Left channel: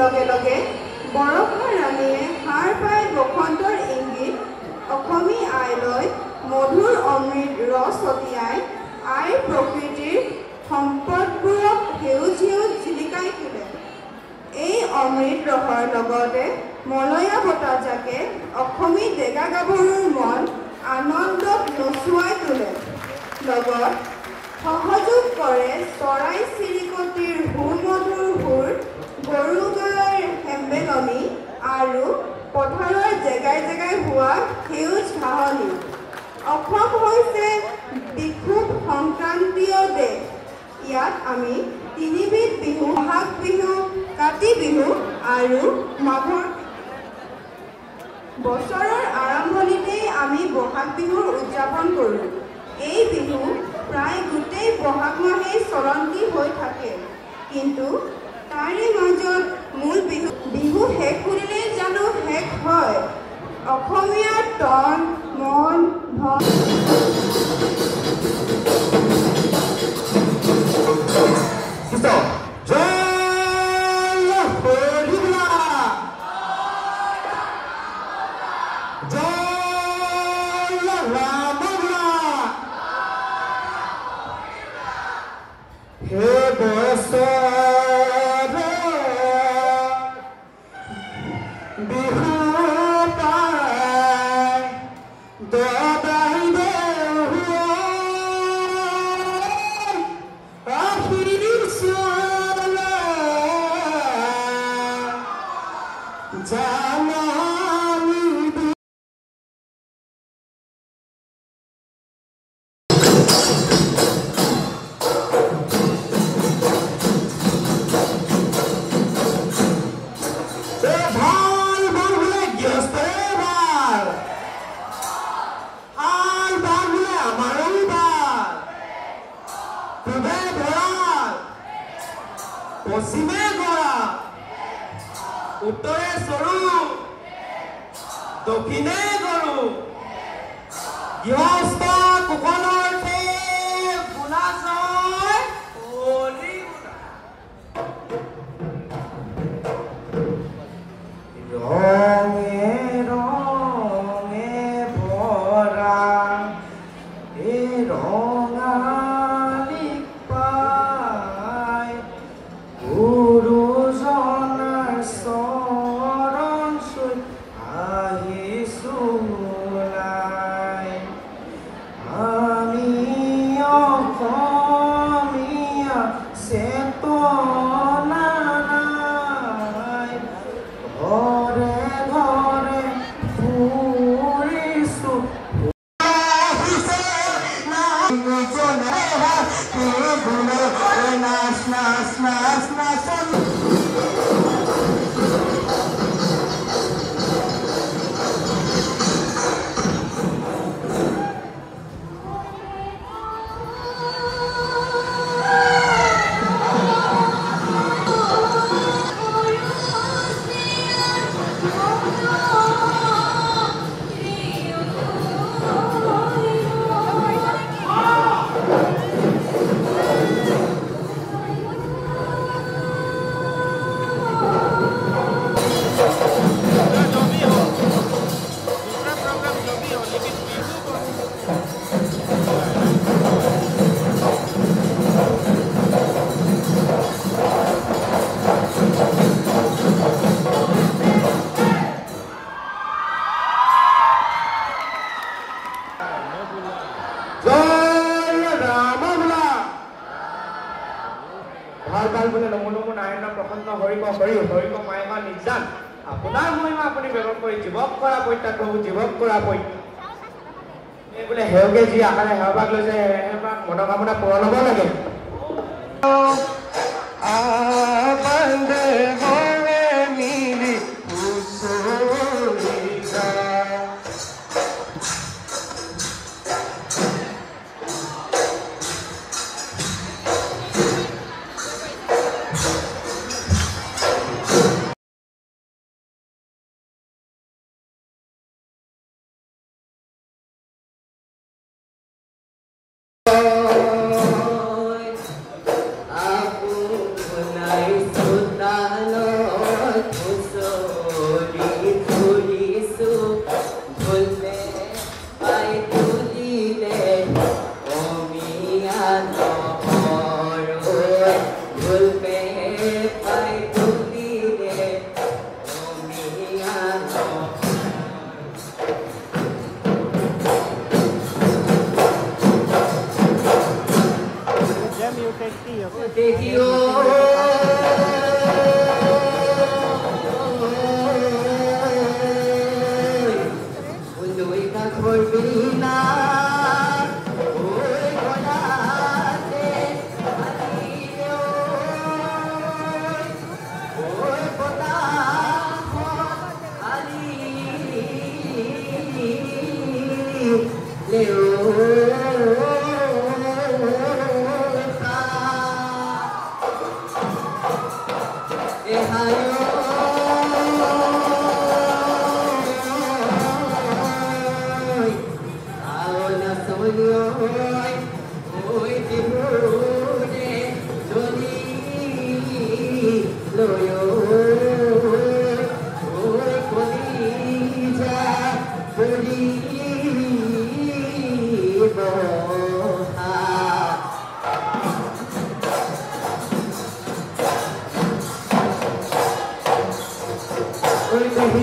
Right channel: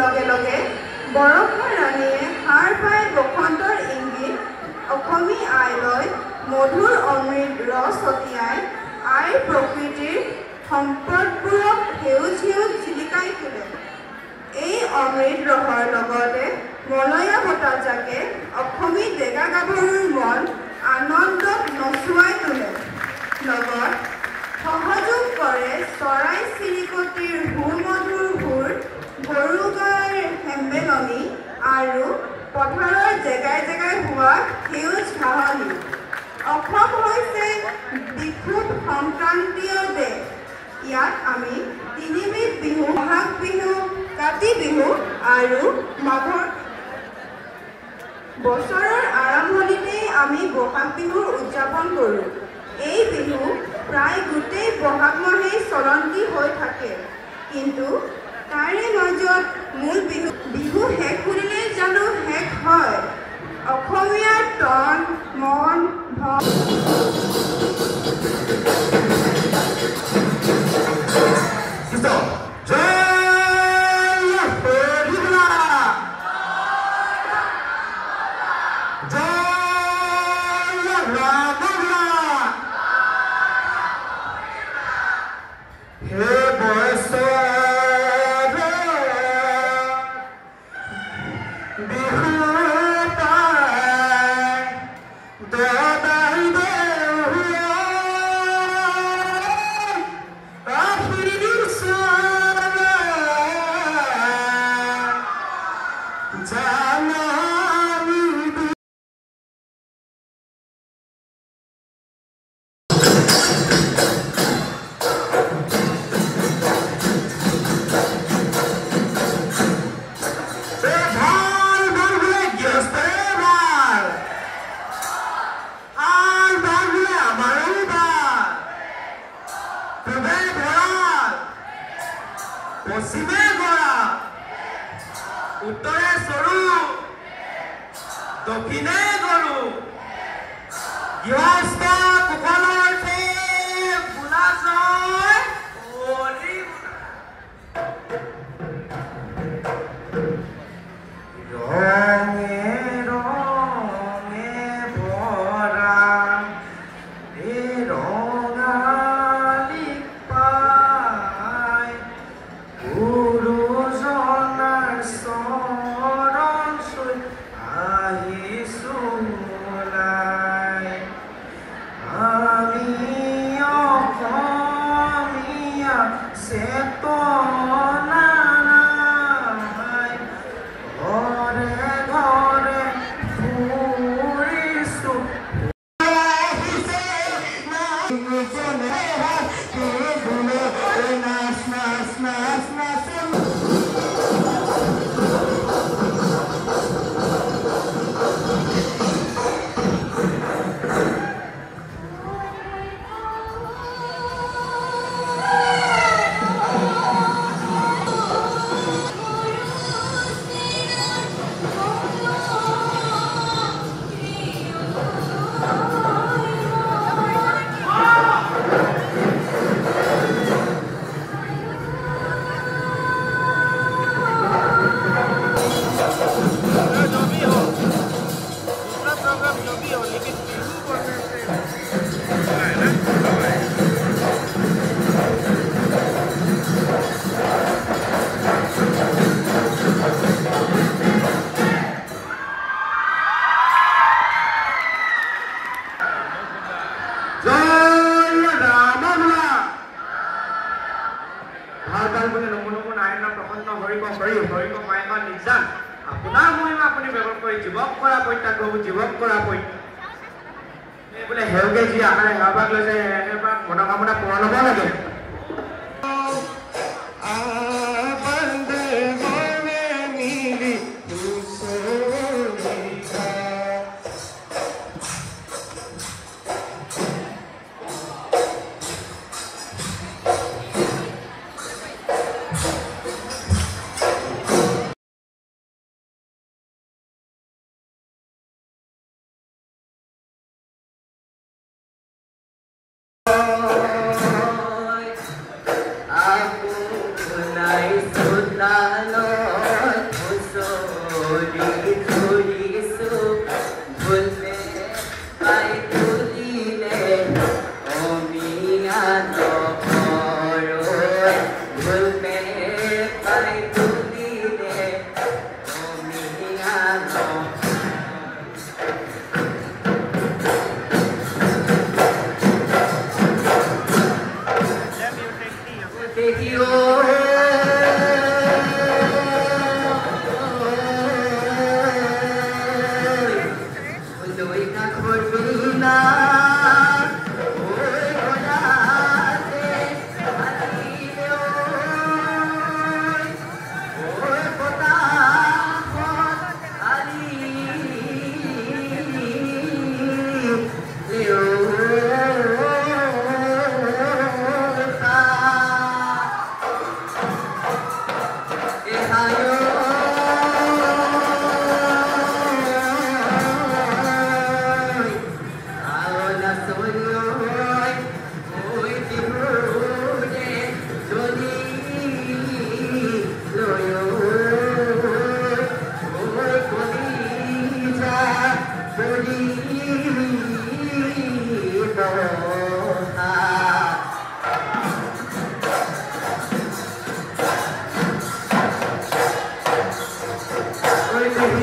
লগে লগে বৰষুণ ৰাণীয়ে সাৰ পাই বসন্তৰ ইংগিত অসমী আইলৈ মধুৰ অমৃত ৰস ছটিয়াই আইৰ প্ৰকৃতিৰ সম্পদবোৰক সেউজ সেউজ জিলিকাই তোলে। এই অমৃত ৰসৰ লগতে মলয়া বতাহজাকে অসমী ডেকা গাভৰুৰ মন আনন্দত নচুৱাই তোলে। লগত সহযোগ কৰে চৰাই চিৰিকটিৰ সুমধুৰ সুৰ, গৰু গাইৰ হেম্বেলনি আৰু পথাৰৰ জেগাই জেগাই হোৱা সেউজ ঘাঁহনি। অসম হৈছে বিশুদ্ধ সংক্ৰান্তীয় দেশ। ইয়াত আমি তিনিবিধ বিহু, বহাগ বিহু, কাতি বিহু আৰু মাঘৰ। বছৰৰ আৰম্ভণিতেই আমি বহাগ বিহুৰ উদযাপন কৰোঁ। এই বিহু প্ৰায় গোটেই বহাগ মাহেই চলন্তি হৈ থাকে, কিন্তু তাৰে মাজত মূল বিহু শেষ কৰিলেই জানো শেষ হয়? অসমীয়াৰ তন মন ধন পশ্চিমে গড়া, উত্তৰে চৰু, দক্ষিণে গৰু, গৃহস্থ কুশলৰ্থে ফুলা ছয় অলি ৰঙে ৰঙে ভৰা এই ৰঙালী পাই গুৰুজনাৰ চৰণ চুই আহিছোঁ ওলাই। আমি অসমীয়া চেতনাই ঘৰে ঘৰে ফুৰিছোঁ। নাচ নাচ নাচ নাচ আপোনাৰ মহিমা আপুনি ব্যৱহাৰ কৰি জীৱক কৰা পৰিত্যাগ কৰিব, জীৱক কৰা এই বোলে সেউকে যি আকাৰে সেৱাক লৈছে মনোকামনা পূৰণ হ'ব লাগে। Hare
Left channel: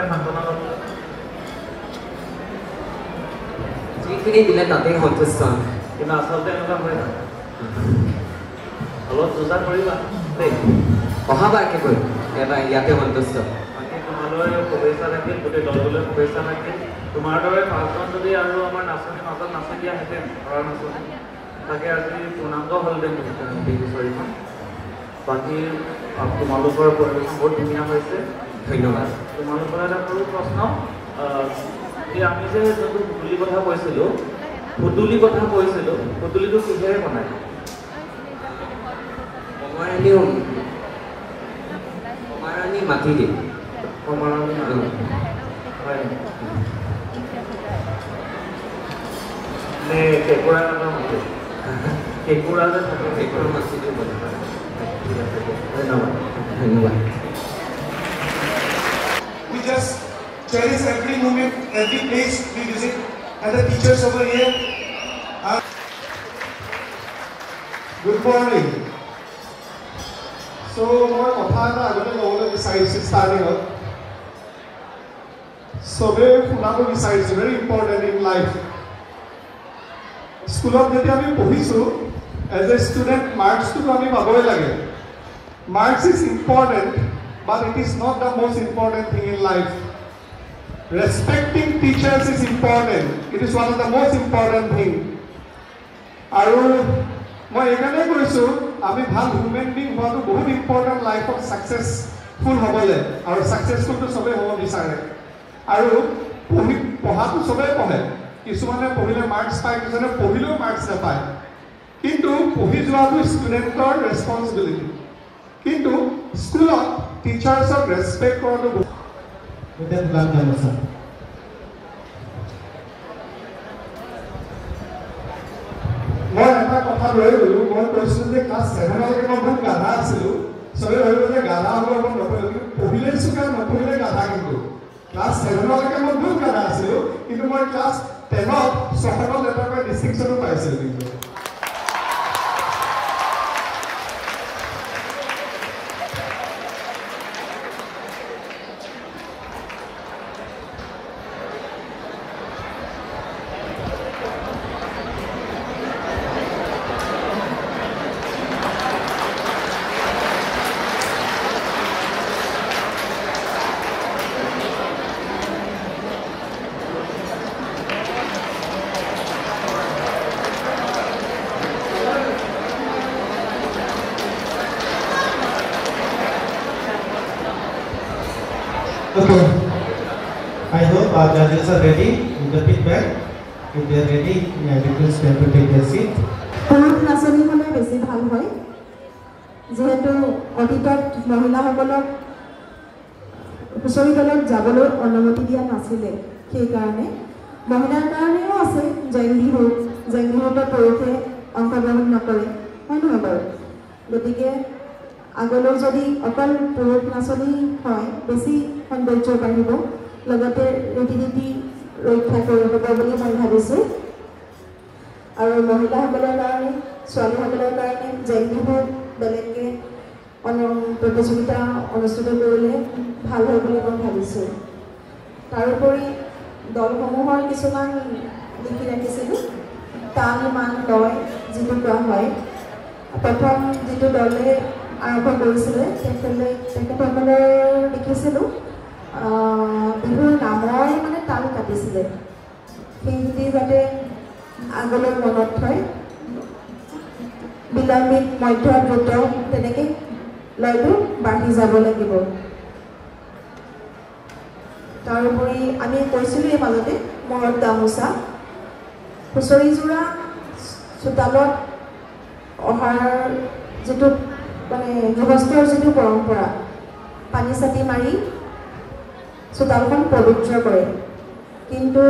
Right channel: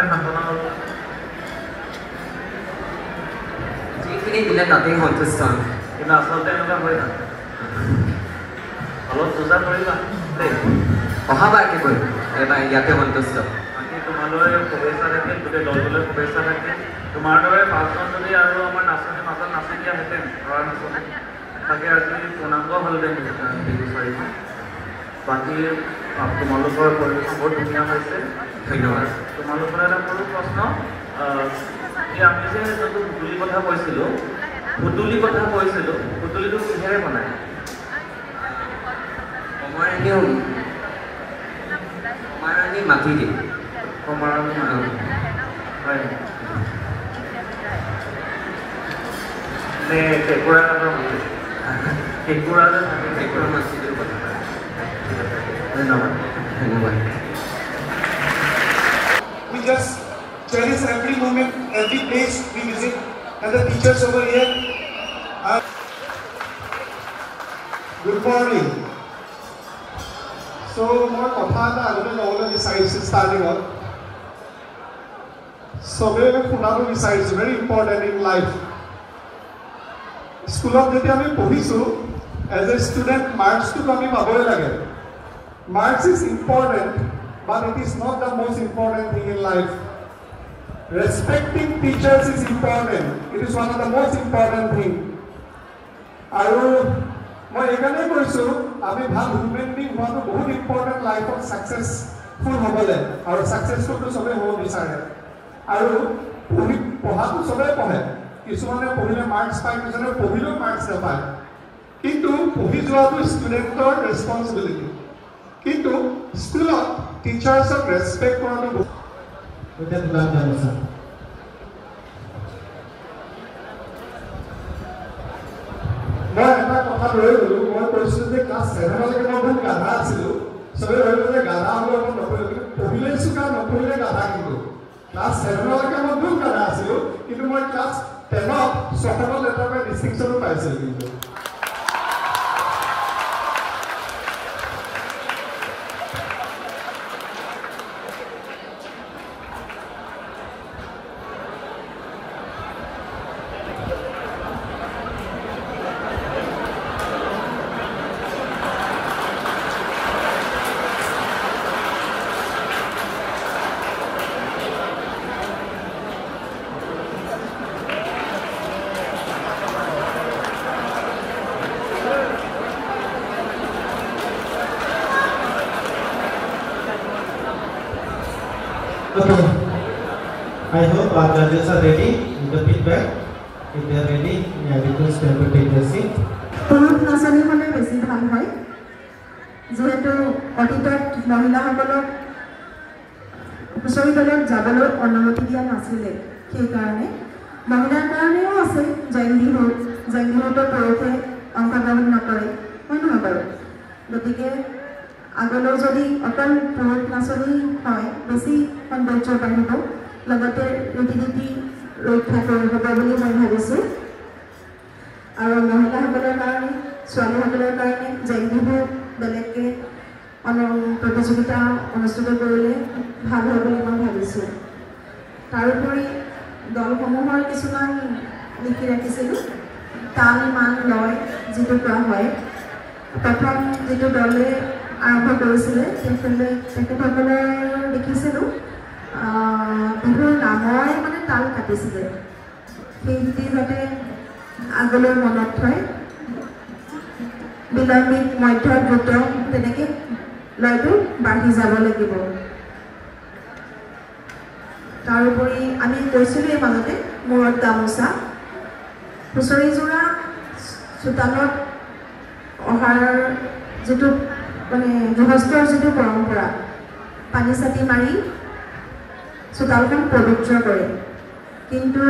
কাৰণে সান্তনা হ'ল যিখিনি দিলে তাতেই সন্তুষ্ট কিন্তু আচলতে এনেকুৱা হৈ থাকে অলপ পূজা কৰিবা দেই অহাবাৰকে কৰিম এবাৰ ইয়াতে সন্তুষ্ট বাকী তোমালৈ শুভেচ্ছা থাকিল গোটেই দলটোলৈ শুভেচ্ছা থাকিল তোমাৰ দৰে পাঁচজন যদি আৰু আমাৰ নাচনী মাজত নাচি দিয়াহেঁতেন ঘৰৰ নাচনী তাকে আজি পূৰ্ণাংগ হ'লহেঁতেন বিচাৰি বাকী তোমালোকৰ পৰিৱেশ বহুত ধুনীয়া হৈছে ধন্যবাদ তোমালোকৰ এটা সৰু প্ৰশ্ন এই আমি যে যোনটো সুতুলি কথা কৈছিলোঁ সুতুলিটো কিহেৰে বনায় কমাৰণী মাটি দি হয় নে কেঁকুৰা যে ট্ৰেক্টৰ মাটি দি বনায় ধন্যবাদ ধন্যবাদ We just cherish every moment, every place we visit, and the teachers over here. Good morning. So, more কথা এটা আগতে ল'বলৈ বিচাৰিছোঁ ষ্টাৰ্টিঙত চবেই শুনাব বিচাৰিছোঁ ভেৰি ইম্পৰ্টেণ্ট ইন লাইফ স্কুলত যেতিয়া আমি পঢ়িছোঁ এজ এ ষ্টুডেণ্ট মাৰ্কছটোতো আমি পাবই লাগে marks is important but it is not the most important thing in life. Respecting teachers is important. It is one of the most important thing. আৰু মই এখানে কৈছো আমি ভাল হিউম্যান বিং হোৱাটো বহুত ইম্পৰ্টেণ্ট লাইফত সাকসেসফুল হ'বলৈ আৰু সাকসেসফুলটো সবে হ'ব বিচাৰে আৰু পঢ়াটো সবে পঢ়ে কিছুমানে পঢ়িলে মাৰ্কছ পায় কিছুমানে পঢ়িলেও মাৰ্কছ নাপায় কিন্তু পঢ়ি যোৱাটো ষ্টুডেণ্টৰ ৰেছপন্সিবিলিটি কিন্তু স্কুলত টিচাৰ্ছক ৰেছপেক্ট কৰাটো গোটেই গুলাব জানো স্যাৰ মই এটা কথা লৈ গ'লো মই কৈছিলোঁ যে ক্লাছ 7লৈকে মই বহুত গাধা আছিলোঁ চবে ভাবিব যে গাধা হ'লে মই নপঢ়িলোঁ পঢ়িলে চোকা নপঢ়িলে গাধা কিন্তু ক্লাছ 7লৈকে মই বহুত গাধা আছিলোঁ কিন্তু মই ক্লাছ 10ত ছয়খন লেটাৰ পাই ডিষ্টিংশ্যনো পাইছিলোঁ কিন্তু Okay, I hope our judges are ready with the feedback. If they are ready, I request them to take their seat. পুৰুষ নাচনী হ'লে বেছি ভাল হয় যিহেতু অতীতত মহিলাসকলক হুঁচৰি দলত যাবলৈ অনুমতি দিয়া নাছিলে সেইকাৰণে মহিলাৰ কাৰণেও আছে জেং বিহুতো পুৰুষে অংশগ্ৰহণ নকৰে হয় নহয় বাৰু গতিকে আগলৈ যদি অকল পুৰুষ নাচনী হয় বেছি সৌন্দৰ্য বাঢ়িব লগতে ৰীতি নীতি ৰক্ষা হ'ব বুলি মই ভাবিছোঁ আৰু মহিলাসকলৰ কাৰণে ছোৱালীসকলৰ কাৰণে জেং বিহু বেলেগকৈ প্ৰতিযোগিতা অনুষ্ঠিত কৰিলে ভাল হয় বুলি মই ভাবিছোঁ তাৰোপৰি দলসমূহৰ কিছুমান লিখি ৰাখিছিলোঁ তাল মান লয় যিটো কোৱা হয় প্ৰথম যিটো দলে আৰম্ভ কৰিছিলে তেখেতসকলে লিখিছিলোঁ বিহুৰ নামৰ মানে তাল কাটিছিলে সেইখিনি যাতে আগলৈ মনত থয় বিলম্বিত মধ্য দ্ৰুত তেনেকৈ লয়টো বাঢ়ি যাব লাগিব তাৰোপৰি আমি কৈছিলোঁ এই মাজতে মূৰত গামোচা হুঁচৰিযোৰা চোতালত অহাৰ যিটো মানে গৃহস্থৰ যিটো পৰম্পৰা পানী চাটি মাৰি চোতালখন পবিত্ৰ কৰে কিন্তু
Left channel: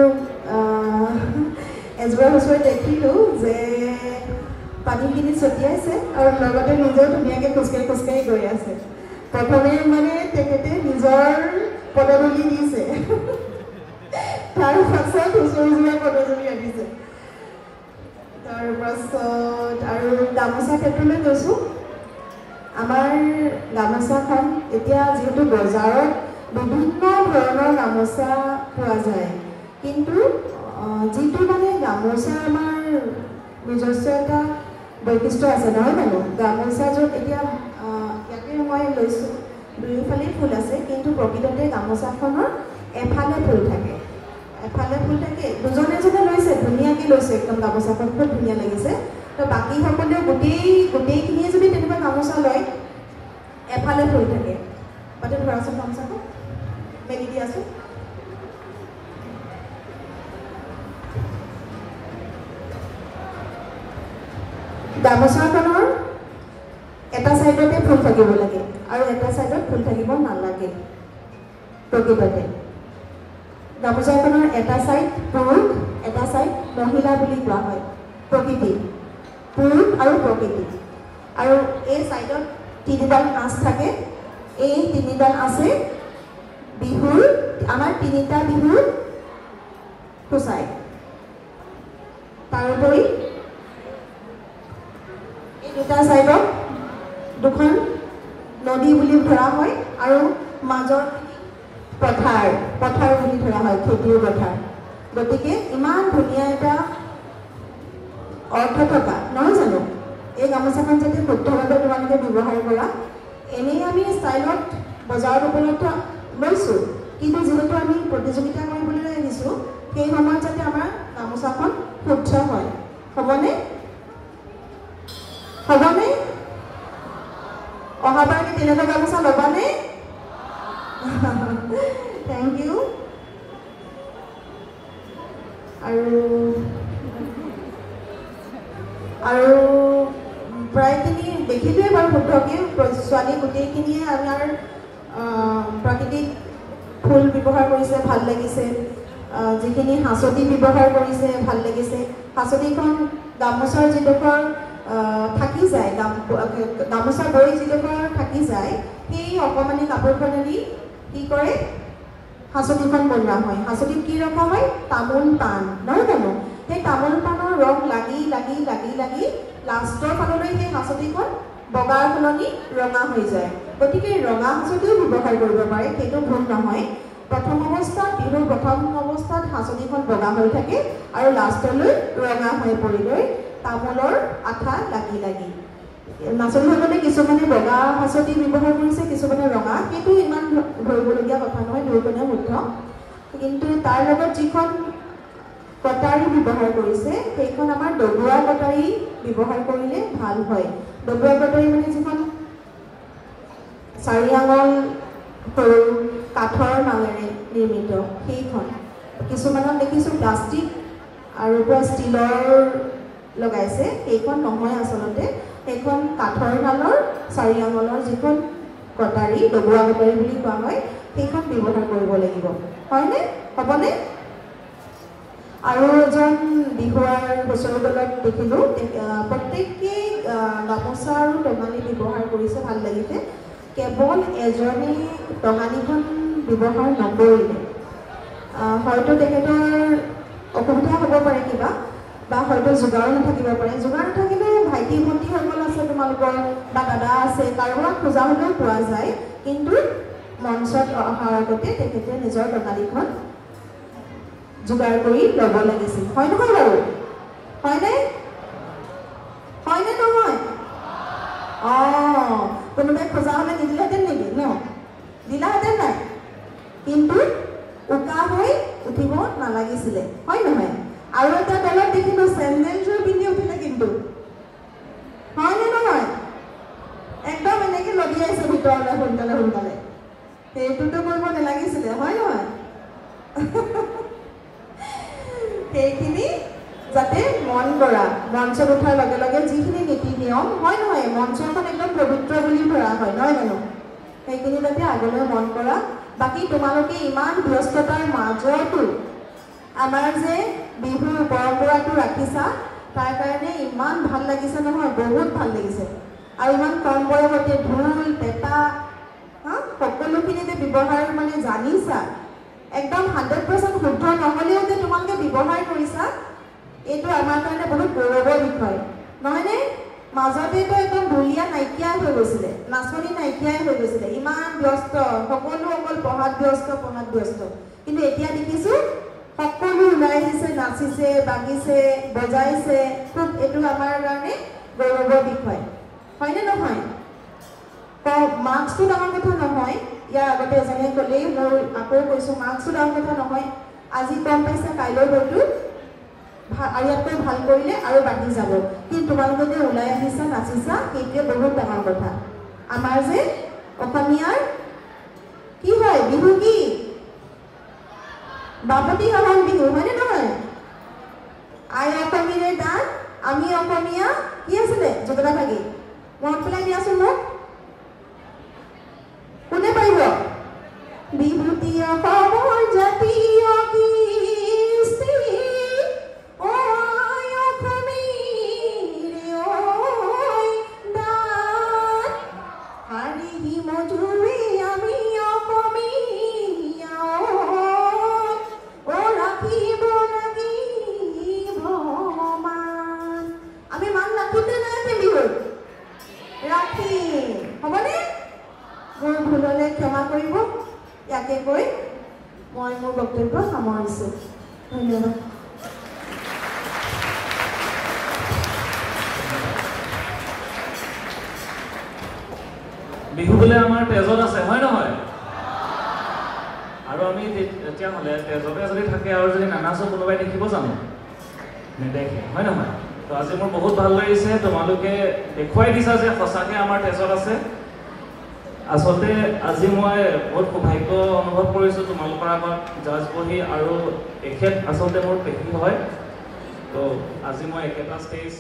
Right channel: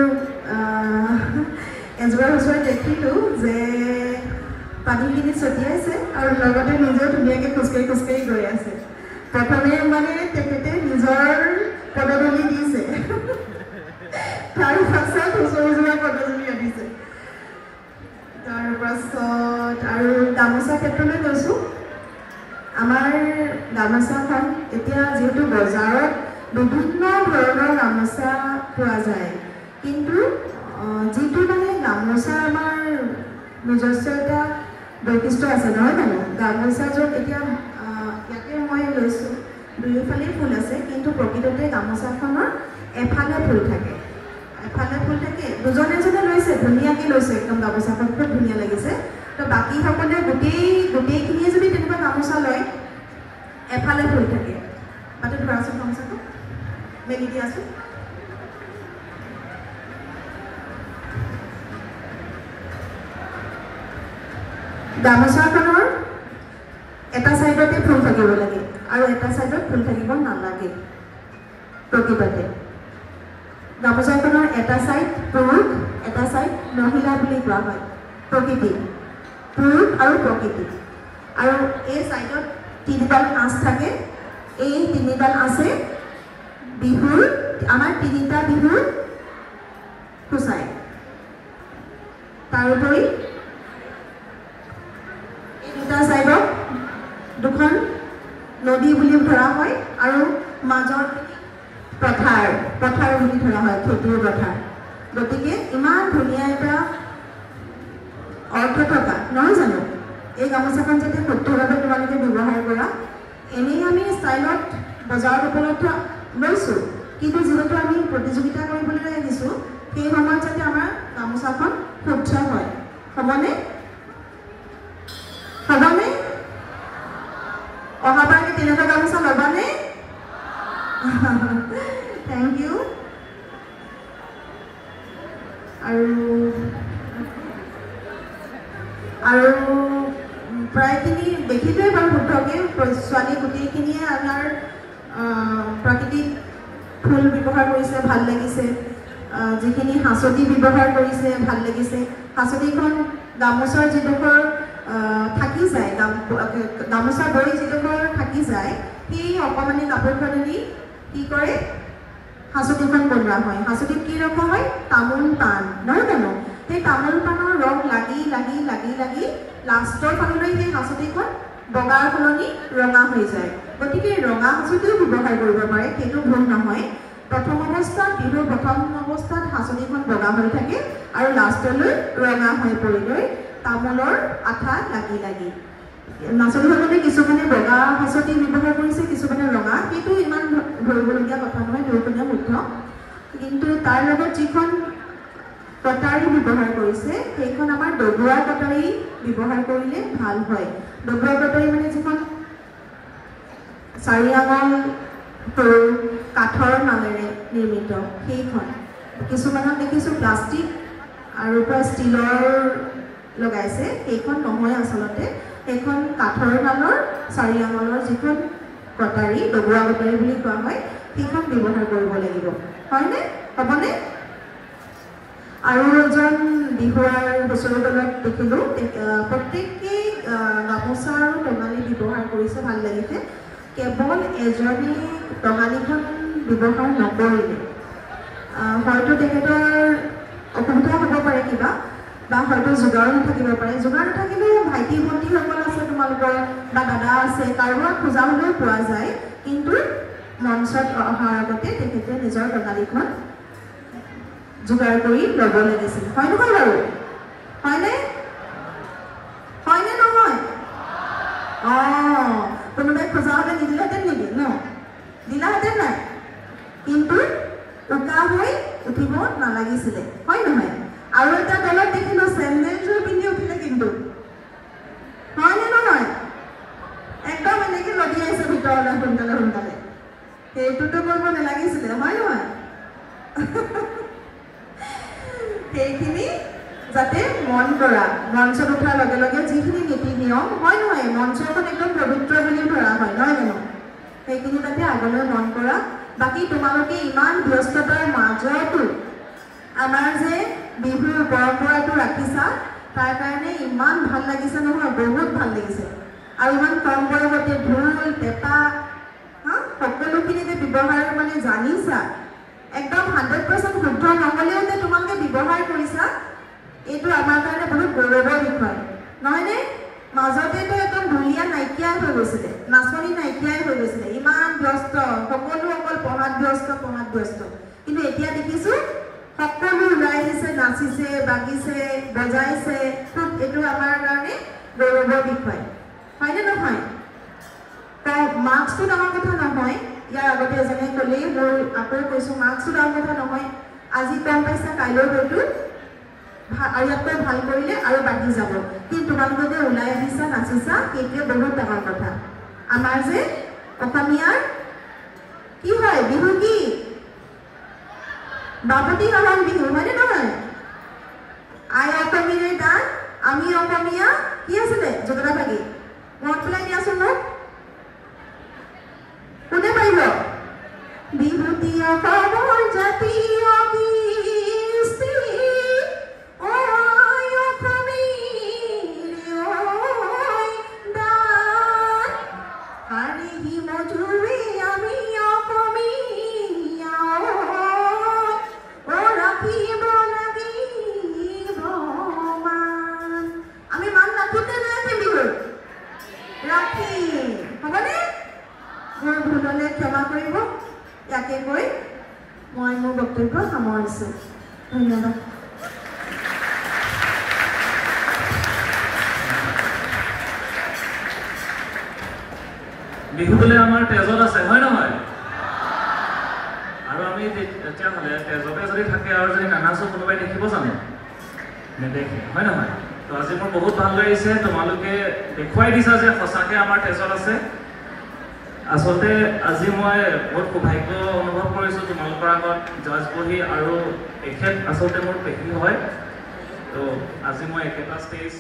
এজোৰা হুঁচৰি দেখিলোঁ যে পানীখিনি ছটিয়াইছে আৰু লগতে নিজেও ধুনীয়াকৈ খোজকাঢ়ি গৈ আছে প্ৰথমে মানে তেখেতে নিজৰ পদধূলি দিছে তাৰপাছত হুঁচৰিযোৰা পদধূলি আনিছে তাৰপাছত আৰু গামোচা ক্ষেত্ৰলৈ গৈছোঁ আমাৰ গামোচাখন এতিয়া যিহেতু বজাৰত বিভিন্ন ধৰণৰ গামোচা পোৱা যায় কিন্তু যিটো মানে গামোচা আমাৰ নিজস্ব এটা বৈশিষ্ট্য আছে নহয় জানো গামোচাযোৰ এতিয়া ইয়াতে মই লৈছোঁ দুয়োফালে ফুল আছে কিন্তু প্ৰকৃততে গামোচাখনৰ এফালে ফুল থাকে দুজনে এজনে লৈছে ধুনীয়াকৈ লৈছে একদম গামোচাখন খুব ধুনীয়া লাগিছে তো বাকীসকলে গোটেইখিনিয়ে যদি তেনেকুৱা গামোচা লয় এফালে ফুল থাকে তাতে ধৰাচোন গামোচাখন মেলি দিয়াচোন গামোচাখনৰ এটা চাইডতে ফুল থাকিব লাগে আৰু এটা চাইডত ফুল থাকিব নালাগে প্ৰকৃততে গামোচাখনৰ এটা চাইড পুৰুষ এটা চাইড মহিলা বুলি কোৱা হয় প্ৰকৃতি পুৰুষ আৰু প্ৰকৃতি আৰু এই চাইডত তিনিডাল আঁচ থাকে এই তিনিডাল আছে বিহুৰ আমাৰ তিনিটা বিহুৰ সূচায় তাৰোপৰি এই দুটা চাইডত দুখন নদী বুলি ধৰা হয় আৰু মাজত পথাৰ বুলি ধৰা হয় খেতিৰ পথাৰ গতিকে ইমান ধুনীয়া এটা অৰ্থ থকা নহয় জানো এই গামোচাখন যাতে শুদ্ধভাৱে তোমালোকে ব্যৱহাৰ কৰা এনেই আমি ষ্টাইলত বজাৰত উপলব্ধ লৈছোঁ কিন্তু যিহেতু আমি প্ৰতিযোগিতা কৰিবলৈ আহিছোঁ সেই সময়ত যাতে আমাৰ গামোচাখন শুদ্ধ হয় হ'বনে অহাবাৰ কি তেনেকুৱা গামোচা ল'বানে থেংক ইউ আৰু প্ৰায়খিনি দেখিলোৱে বাৰু শুদ্ধকৈ ছোৱালী গোটেইখিনিয়ে আমাৰ প্ৰাকৃতিক ফুল ব্যৱহাৰ কৰিছে ভাল লাগিছে যিখিনি হাঁচতি ব্যৱহাৰ কৰিছে ভাল লাগিছে হাঁচতিখন গামোচাৰ যিডোখৰ থাকি যায় গামোচা বৈ যিডোখৰ থাকি যায় সেই অকণমানি কাপোৰখনেদি কি কৰে হাঁচতিখন বনোৱা হয় হাঁচতিত কি ৰখা হয় তামোল পাণ নহয় জানো সেই তামোল পাণৰ ৰং লাগি লাষ্টৰ ফাললৈ সেই হাঁচতিখন বগাৰ সলনি ৰঙা হৈ যায় গতিকে ৰঙা হাঁচতিও ব্যৱহাৰ কৰিব পাৰে সেইটো ভুল নহয় বিহুৰ প্ৰথম অৱস্থাত হাঁচতিখন বগা হৈ থাকে আৰু লাষ্টলৈ ৰঙা হৈ পৰিলৈ তামোলৰ আঠা লাগি নাচনীসকলে কিছুমানে বগা হাঁচতি ব্যৱহাৰ কৰিছে কিছুমানে ৰঙা সেইটো ইমান ধৰিবলগীয়া কথা নহয় দুয়োজনে শুদ্ধ কিন্তু তাৰ লগত যিখন কটাৰী ব্যৱহাৰ কৰিছে সেইখন আমাৰ ডবোৱা কটাৰী ব্যৱহাৰ কৰিলে ভাল হয় ডবোৱা কটাৰী মানে যিখন 4 আঙুল সৰু কাঠৰ নালেৰে নিৰ্মিত সেইখন কিছুমানত দেখিছোঁ প্লাষ্টিক আৰু পৰা ষ্টিলৰ লগাইছে সেইখন নহয় আচলতে সেইখন কাঠৰ নালৰ 4 আঙুলৰ যিখন কটাৰী ডবোৱা কটাৰী বুলি কোৱা হয় সেইখন ব্যৱহাৰ কৰিব লাগিব হয়নে হ'বনে আৰু এজন বিহুৱাৰ হুঁচৰি দলত দেখিলোঁ প্ৰত্যেকেই গামোচা আৰু টঙালি ব্যৱহাৰ কৰিছে ভাল লাগিছে কেৱল এজনে টঙালিখন ব্যৱহাৰ নকৰিলে হয়তো তেখেতৰ অসুবিধা হ'ব পাৰে কিবা বা হয়তো যোগাৰ নাথাকিব পাৰে যোগাৰ নাথাকিলে ভাইটি ভণ্টিসকল আছে তোমালোকৰ বা দাদা আছে কাৰোবাক খোজা হ'লেও পোৱা যায় কিন্তু মঞ্চত অহাৰ আগতে তেখেতে নিজৰ টঙালিখন যোগাৰ কৰি ল'ব লাগিছিল হয় নহয় বাৰু হয়নে নহয় কোনোবাই খোজা হ'লে নিদিলেহেঁতেন নেকি ন দিলাহেঁতেন নাই কিন্তু উকা হৈ উঠিব নালাগিছিলে হয় নহয় আৰু এটা দলত দেখিলোঁ চেণ্ডেলযোৰ পিন্ধি উঠিলে কিন্তু হয়নে নহয় একদম এনেকৈ লদিয়াইছে ভিতৰলৈ সোনকালে সেইটোতো কৰিব নালাগিছিলে হয় নহয় সেইখিনি যাতে মন কৰা মঞ্চত উঠাৰ লগে লগে যিখিনি নীতি নিয়ম হয় নহয় মঞ্চখন একদম পবিত্ৰ বুলি ধৰা হয় নহয় জানো সেইখিনি যাতে আগলৈ মন কৰা বাকী তোমালোকে ইমান ব্যস্ততাৰ মাজতো আমাৰ যে বিহুৰ পৰম্পৰাটো ৰাখিছা তাৰ কাৰণে ইমান ভাল লাগিছে নহয় বহুত ভাল লাগিছে আৰু ইমান কম বয়সতে ঢোল পেঁপা সকলোখিনি যে ব্যৱহাৰ মানে জানিছা একদম 100% শুদ্ধ নহ'লেও যে তোমালোকে ব্যৱহাৰ কৰিছা এইটো আমাৰ কাৰণে বহুত গৌৰৱৰ বিষয় নহয়নে মাজতেতো একদম ঢুলীয়া নাইকিয়াই হৈ গৈছিলে, নাচনি নাইকিয়াই হৈ গৈছিলে, ইমান ব্যস্ত, সকলো অকল পঢ়াত ব্যস্ত। কিন্তু এতিয়া দেখিছোঁ সকলো ওলাই আহিছে, নাচিছে, বাগিছে, বজাইছে। খুব এইটো আমাৰ কাৰণে গৌৰৱৰ বিষয়, হয়নে নহয়? মাৰ্কছটো ডাঙৰ কথা নহয়। ইয়াৰ আগতে এজনে ক'লেই, মই আকৌ কৈছোঁ, মাৰ্কছটো ডাঙৰ কথা নহয়। আজি কম পাইছা, কাইলৈ হয়তো আৰু ইয়াতকৈ ভাল কৰিলে আৰু বাঢ়ি যাব। কিন্তু তোমালোকে যে ওলাই আহিছা, নাচিছা, সেইটোৱে বহুত ডাঙৰ কথা। আমাৰ যে অসমীয়াৰ কি হয়, বিহু কি? বাপতি সাহোন বিহু, হয়নে নহয়? আই অসমীয়াৰ গান, আমি অসমীয়া, কি আছিলে যোগদা ভাগি? মনত পেলাই দিয়াচোন মোক। কোনে পাৰিব? বিহুতি অসমৰ জাতীয় কৃষ্টি, ঐ অসমীৰ ঐ দান, হাৰিহি মধুৰে আমি অসমীয়া, ঐ ৰাখিব লাগিব মান। আমি মান ৰাখিমনে নাৰাখিম বিহুত? ৰাখিম, হ'বনে? মোৰ ভুল হ'লে ক্ষমা কৰিব। ইয়াকে কৈ মই মোৰ বক্তব্য সামৰিছোঁ। ধন্যবাদ। বিহু বোলে আমাৰ তেজত আছে, হয় নহয়? আৰু আমি তেতিয়াহ'লে তেজতে যদি থাকে আৰু যদি নানাচো, কোনোবাই দেখিব জানো? নেদেখে, হয় নহয়? তো আজি মোৰ বহুত ভাল লাগিছে, তোমালোকে দেখুৱাই দিছা যে সঁচাকৈ আমাৰ তেজত আছে। আচলতে আজি মই বহুত সৌভাগ্য অনুভৱ কৰিছোঁ তোমালোকৰ আগত জাজ বহি, আৰু এখেত আচলতে মোৰ পেহী হয়। তো আজি মই একেটা ষ্টেজ